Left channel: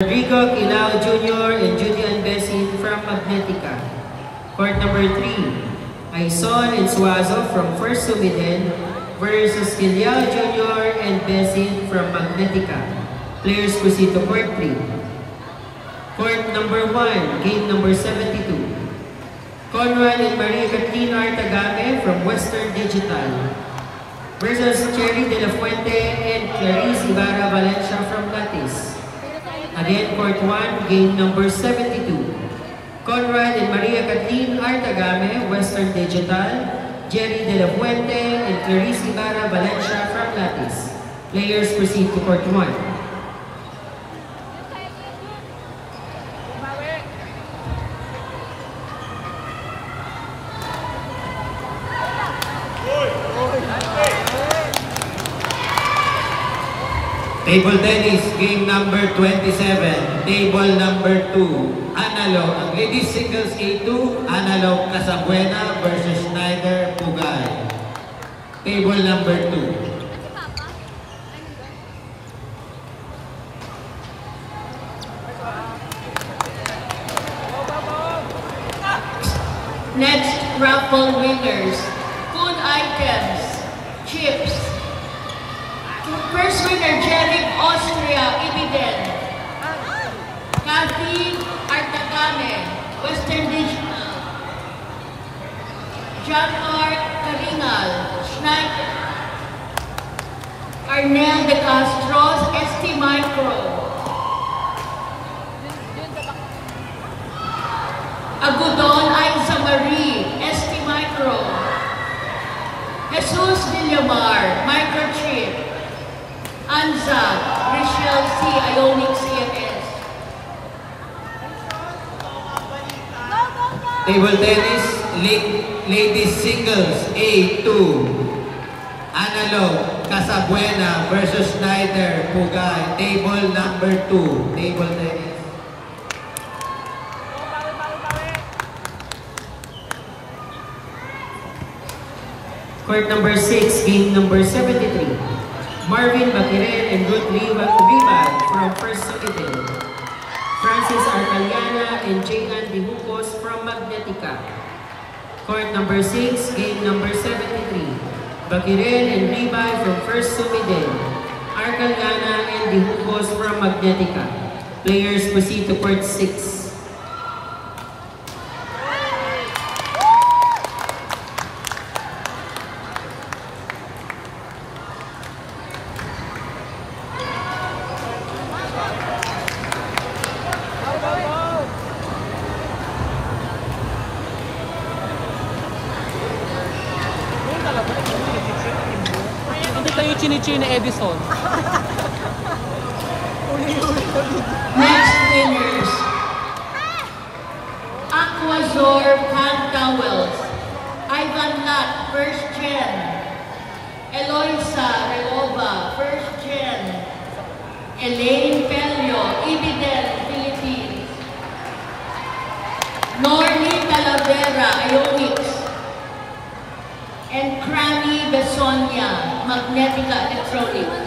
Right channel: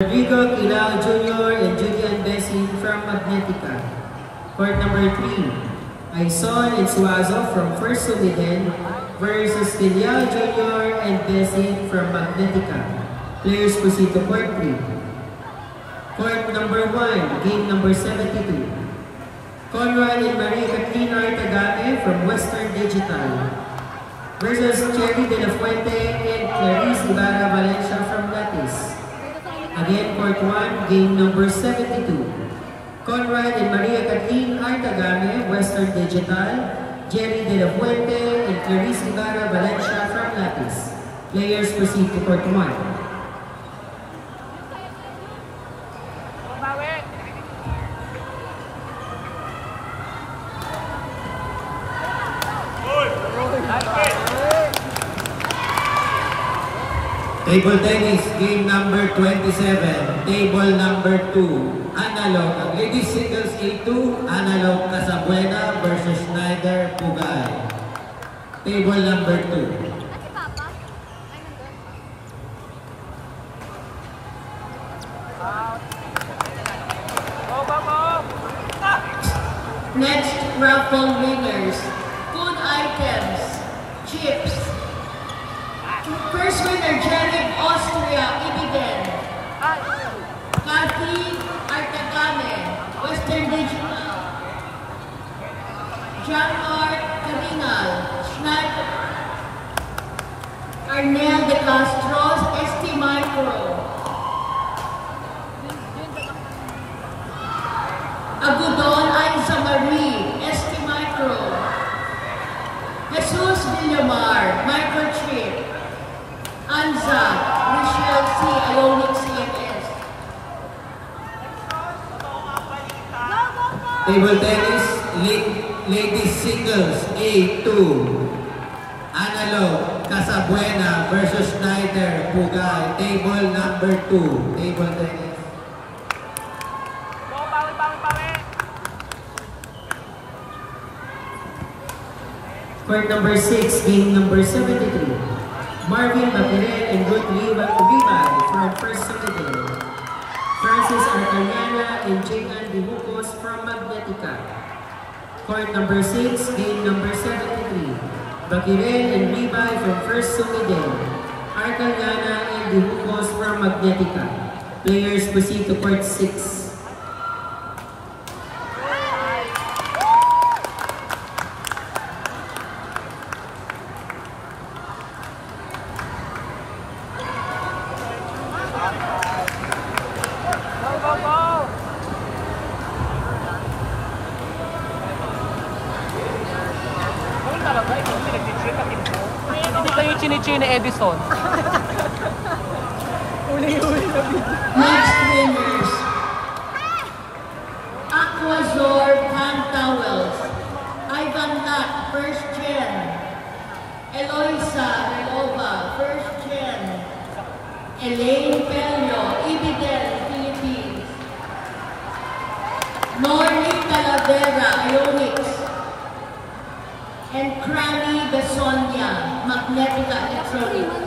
Rodrigo Quilao Jr. and Julian Besin from Magnetica. Court number 3, Aison and Suazo from First Sumiden versus Quilao Jr. and Besin from Magnetica. Players proceed to court 3. Court number 1, game number 72. Conrad and Maria Kathleen Artagame from Western Digital versus Cherry De La Fuente and Clarice Ibarra Valencia from Latis. Again, court 1, game number 72. Conrad and Maria Kathleen Artagame, Western Digital, Jerry De La Fuente and Clarice Ibarra Valencia from Latis. Players proceed to court 1. Table tennis, game number 27, table number 2, analog, ladies singles A2, analog Casabuena versus Schneider Pugay. Table number 2. Next raffle winners, food items, chips. First winner, Jerry Austria, Ibiden. Kathy Artagame, Western Digital. John R. Karingal, Schneider. Arnel De Castro, ST Micro. Agudon Aiza Marie, ST Micro. Jesus Villamar, Microchip. Anza, Rachel C. Ionic CMS. Table tennis, ladies singles A2, analog Casabuena versus Schneider Pugay. Table number 2, table tennis. Court number 6, game number 73. Marvin Baquiren and Ruth Ribal from First Sumiden. Francis Arcaliana and J.Ann Dihucos from Magnetica. Court number 6, game number 73. Baquiren and Ribal from First Sumiden. Arcaliana and Dihucos from Magnetica. Players proceed to court 6. Chini Edison. Next winners, Aquazor Hand Towels, Ivan Nat, First Gen, Eloisa Relova, First Gen, Elaine Pelio, Ibiden, Philippines, Norly Talavera, Ionics, and Crani Besonia, Magnetica Electronics.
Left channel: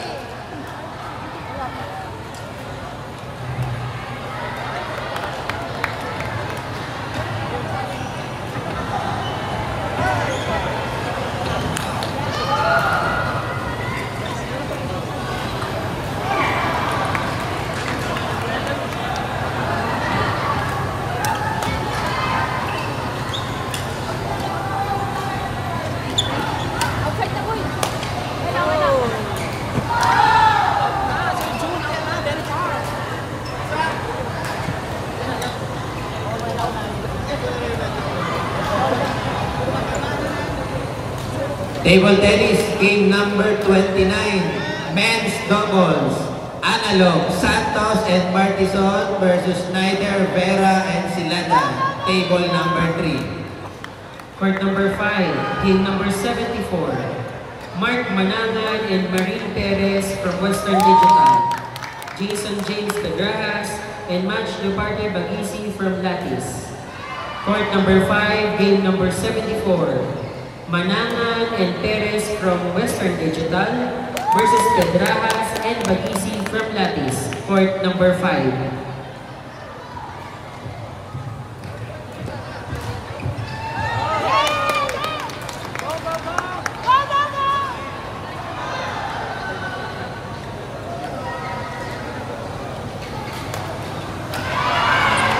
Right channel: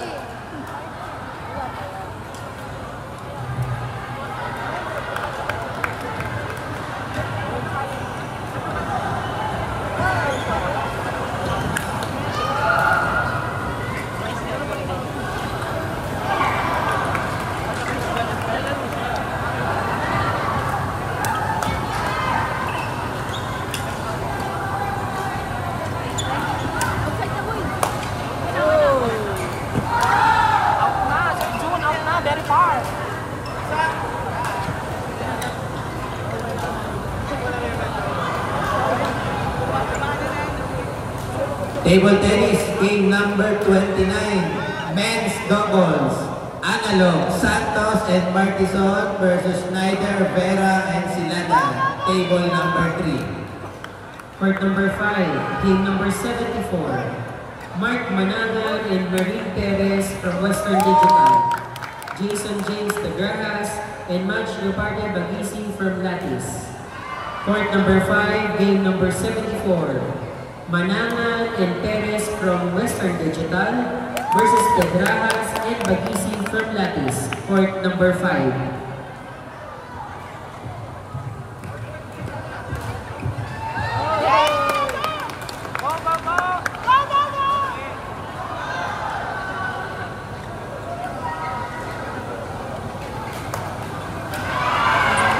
Table tennis, game number 29, men's doubles, analog Santos and Martison versus Schneider, Vera and Silana. Table number 3. Court number 5, game number 74. Mark Mananan and Marine Perez from Western Digital. Jason James Tagrajas and Match Leopardo Bagisi from Latis. Court number 5, game number 74. Mananan and Perez from Western Digital versus Pedrajas and Bagising from Latis, court number 5.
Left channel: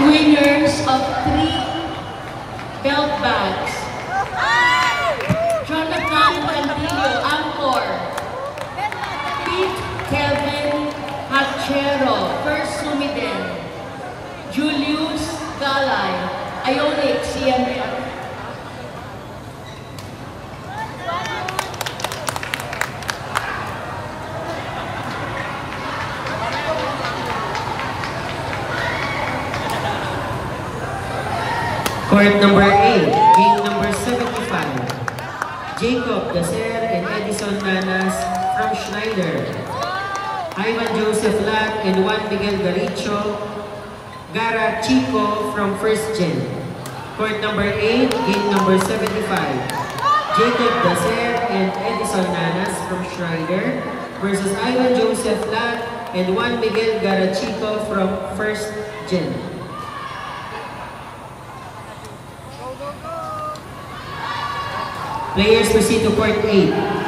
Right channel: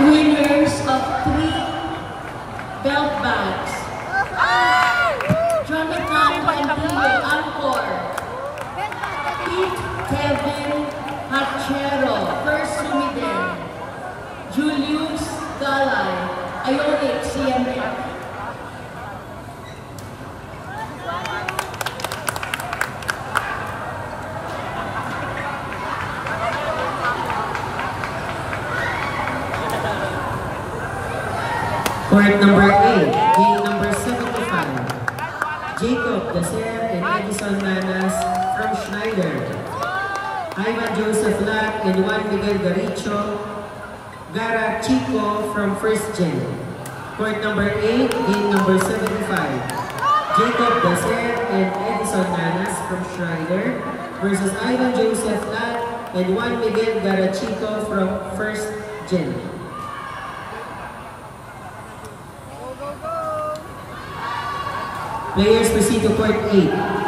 Winners of 3 belt bags. Jonathan Cantillo, Angkor. Pete Kelvin Hachero, First Sumiden. Julius Galay, Ionic, CMF. Court number 8, game number 75. Jacob Dacer and Edison Nanas from Schneider. Ivan Joseph Lack and Juan Miguel Garicho. Gara Chico from First Gen. Court number 8, game number 75. Jacob Dacer and Edison Nanas from Schneider versus Ivan Joseph Lack and Juan Miguel Garachico from First Gen. Players proceed to court 8.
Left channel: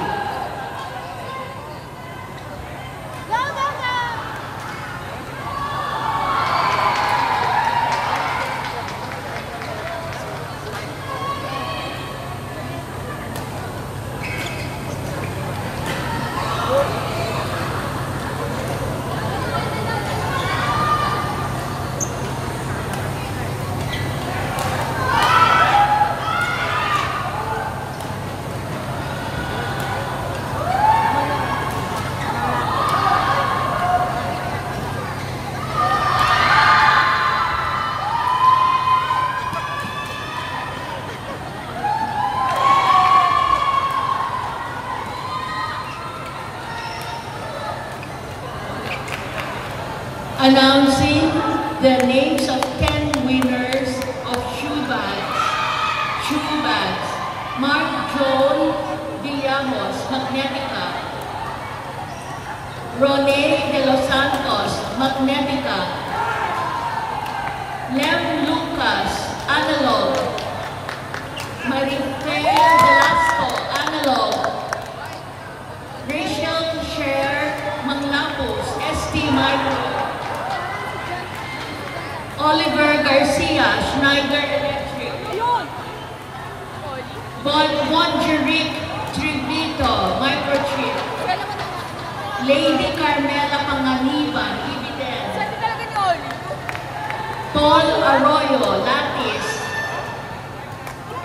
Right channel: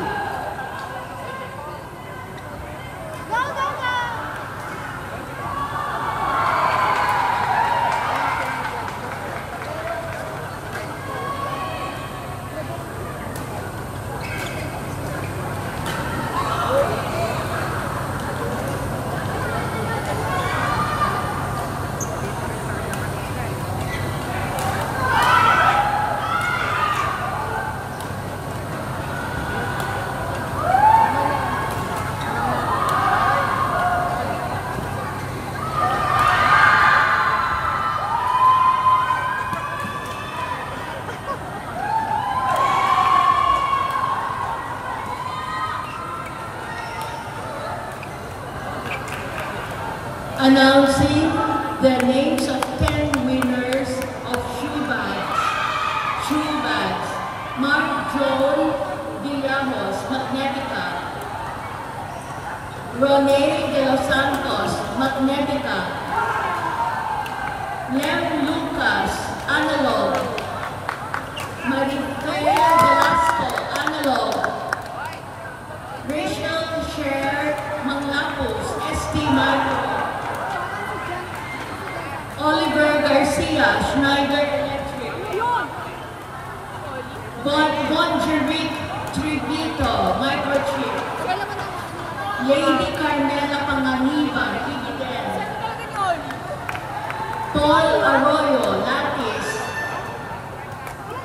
Announcing the names of 10 winners of shoe bags. Shoe bags. Mark Joel Villamos, Magnetica. Rone de los Santos, Magnetica. Lem Lucas, Analog. Marifer Velasco, Analog. Rachel Sher Manglapos, ST Micro. Oliver Garcia, Schneider Electric. Bonjeric Trivito, Microchip. Lady Carmela Panganiban, Ibiden. Paul Arroyo, Latis.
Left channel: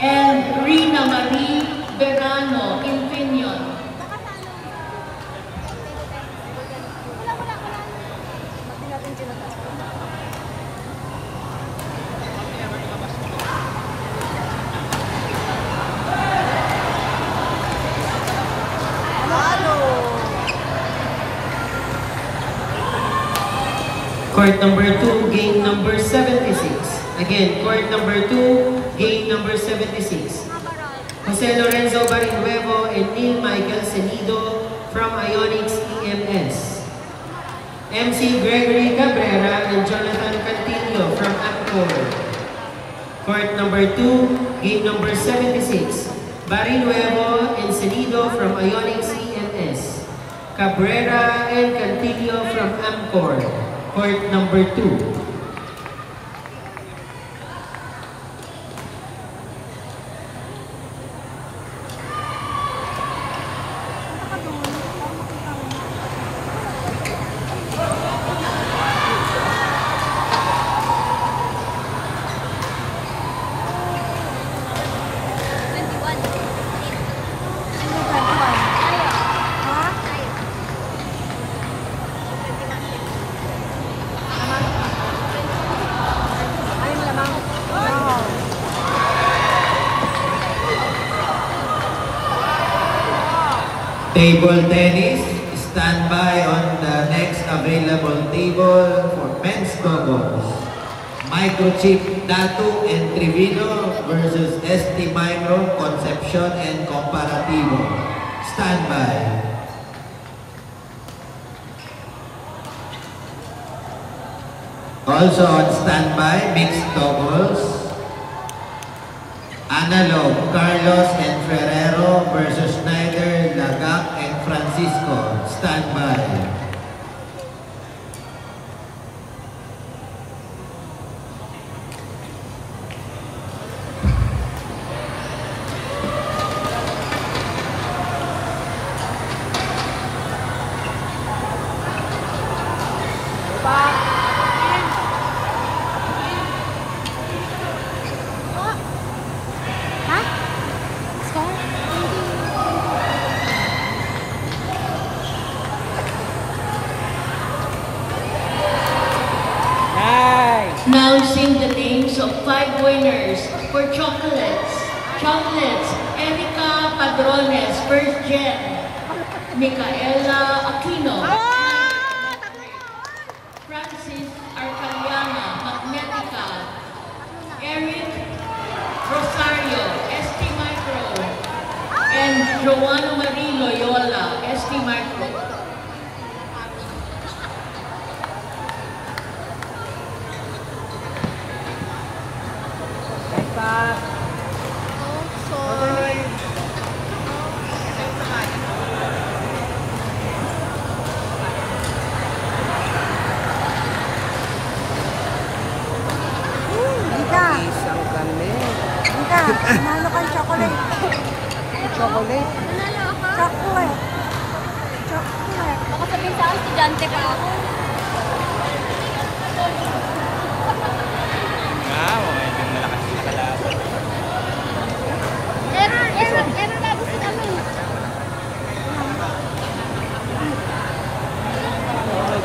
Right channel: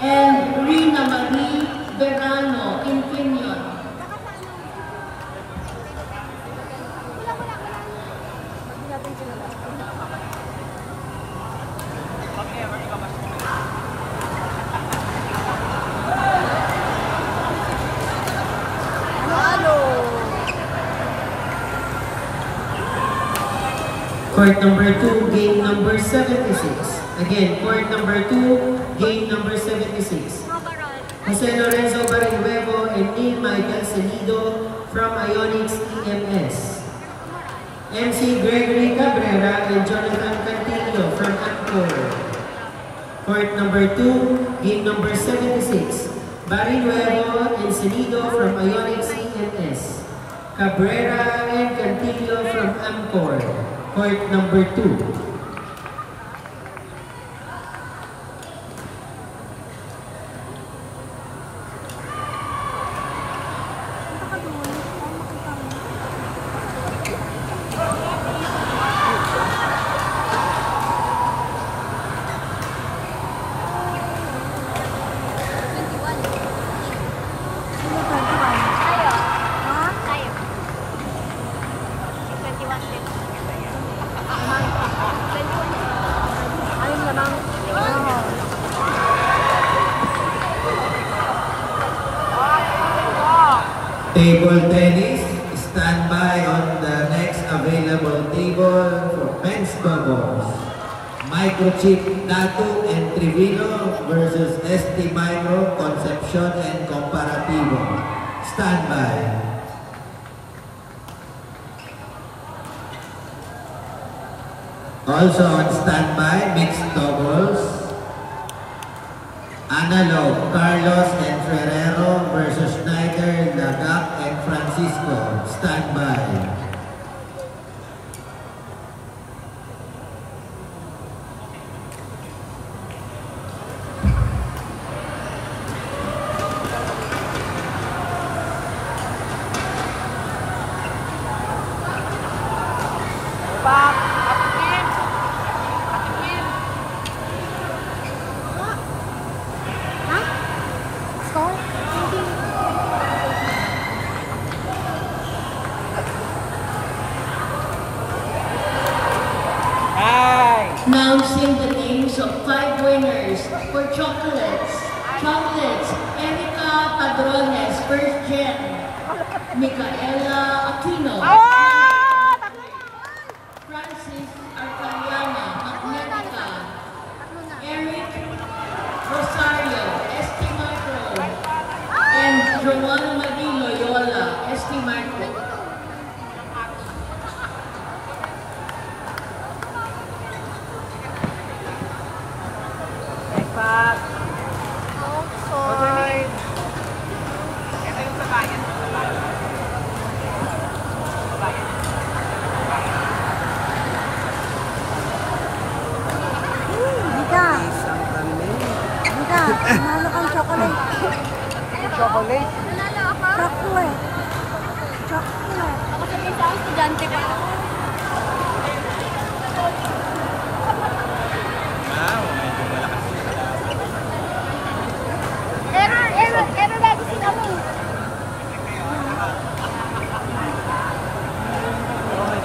And Rina Marie Verano, Infineon. Court number 2, game number 76. Again, court number 2, game number 76. Jose Lorenzo Barinhuevo and Neil Michael Cenido from Ionics EMS. MC Gregory Cabrera and Jonathan Cantillo from Angkor. Court number 2, game number 76. Barinhuevo and Cenido from Ionics EMS. Cabrera and Cantillo from Angkor. Court number 2. Table tennis, stand by on the next available table for men's doubles. Microchip Datu and Trivino versus ST Micro, Concepcion and Comparativo. Stand by. Also on standby, mixed doubles. Analog, Carlos and Ferrero versus Schneider, Lagak and Francisco. Standby. Announcing the names of 5 winners for chocolates. Chocolates, Erica Padrones, first gen. Micaela Aquino. Francis Arcaliana, Magnetica. Eric Rosario, ST Micro. And Joanna Marie Loyola, ST Micro. Manalo kang chocolate. Chocolate? Chocolate. Chocolate. Sabihin sa estudyante pa ako. Error lagi si kami.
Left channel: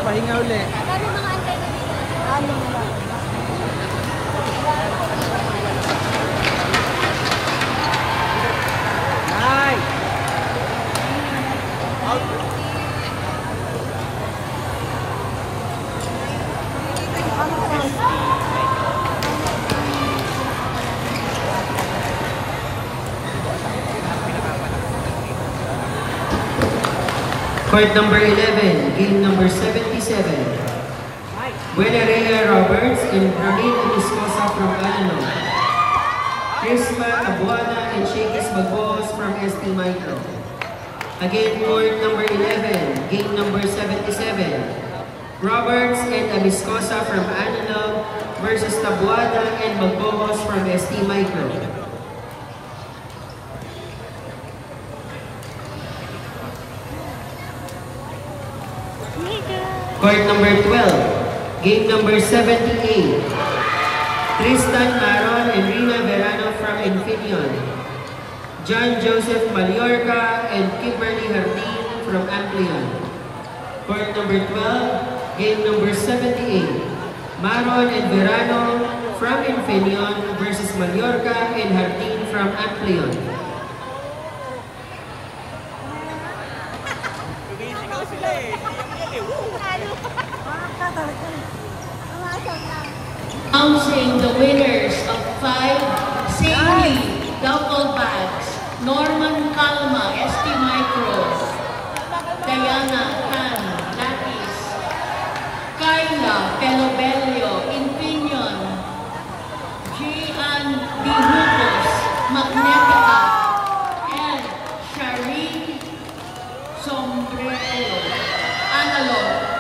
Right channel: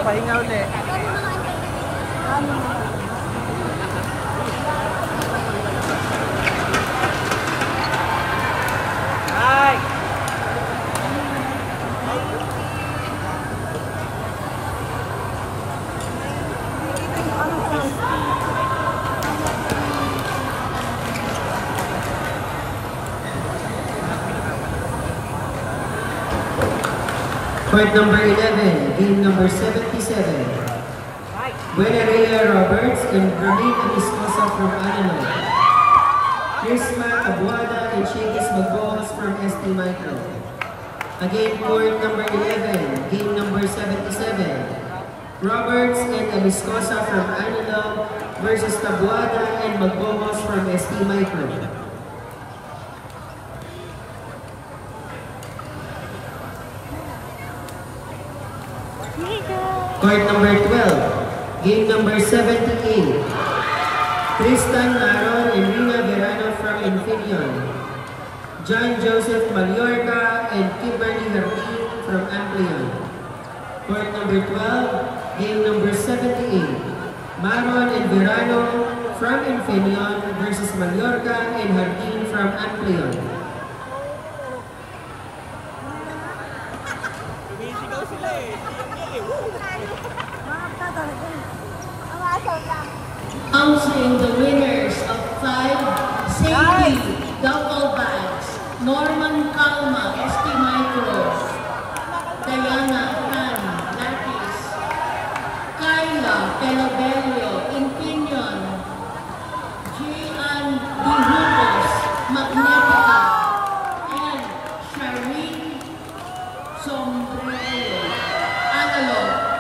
Pahinga ulit. Kami mga antay na dito. Court number 11, game number 77. Buenareya Roberts and Ramil Viscosa from Alano. Prisma Abuada and Shakis Magboas from ST Micro. Again, court number 11, game number 77. Roberts and Viscosa from Alano versus Tabuada and Magboas from ST Micro. Court number 12, game number 78. Tristan Maron and Rina Verano from Infineon. John Joseph Mallorca and Kimberly Hardin from Amplion. Court number 12, game number 78. Maron and Verano from Infineon versus Mallorca and Hardin from Amplion. Announcing the winners of 5 safety double bags. Norman Calma, ST Micro. Diana Tan, Latis. Carla Pelobelio, Infineon. Gian Dihucos, Magnetica. And Shari Sombrero, Analog.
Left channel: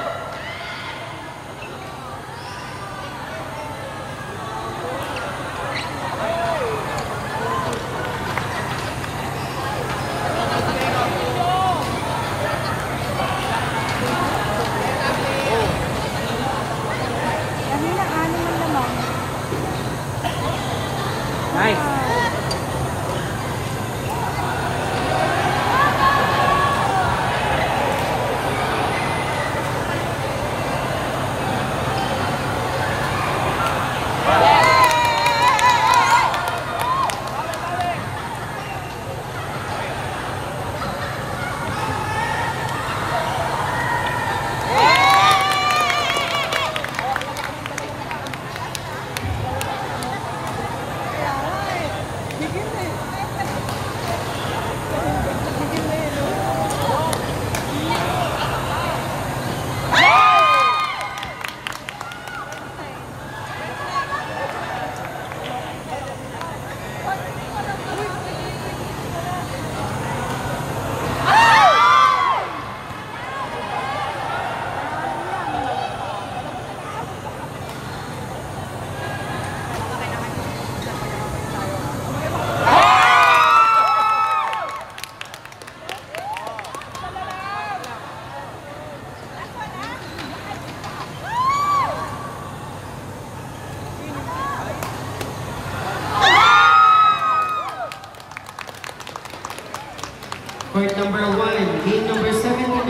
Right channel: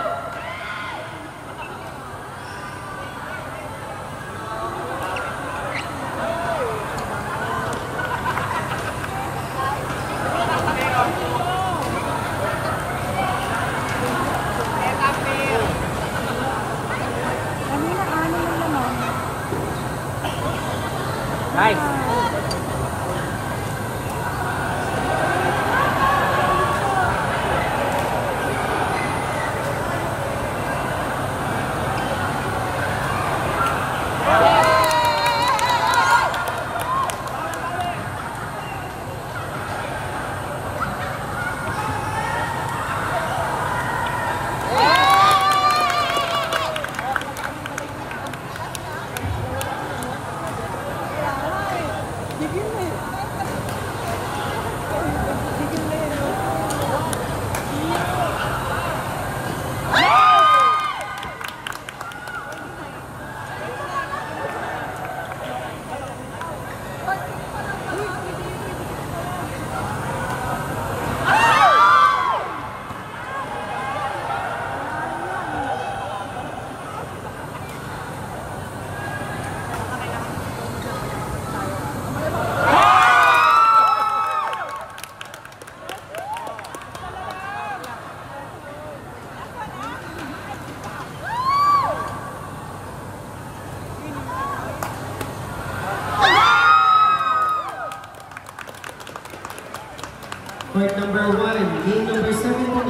Court number 1, game number 79.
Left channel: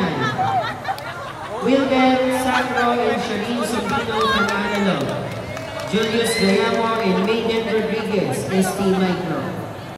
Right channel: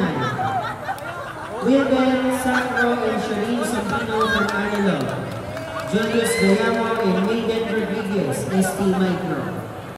Wilben Sacro and Shareen Sambino from Analog. Julius Gayamo and Megan Rodriguez, ST Micro.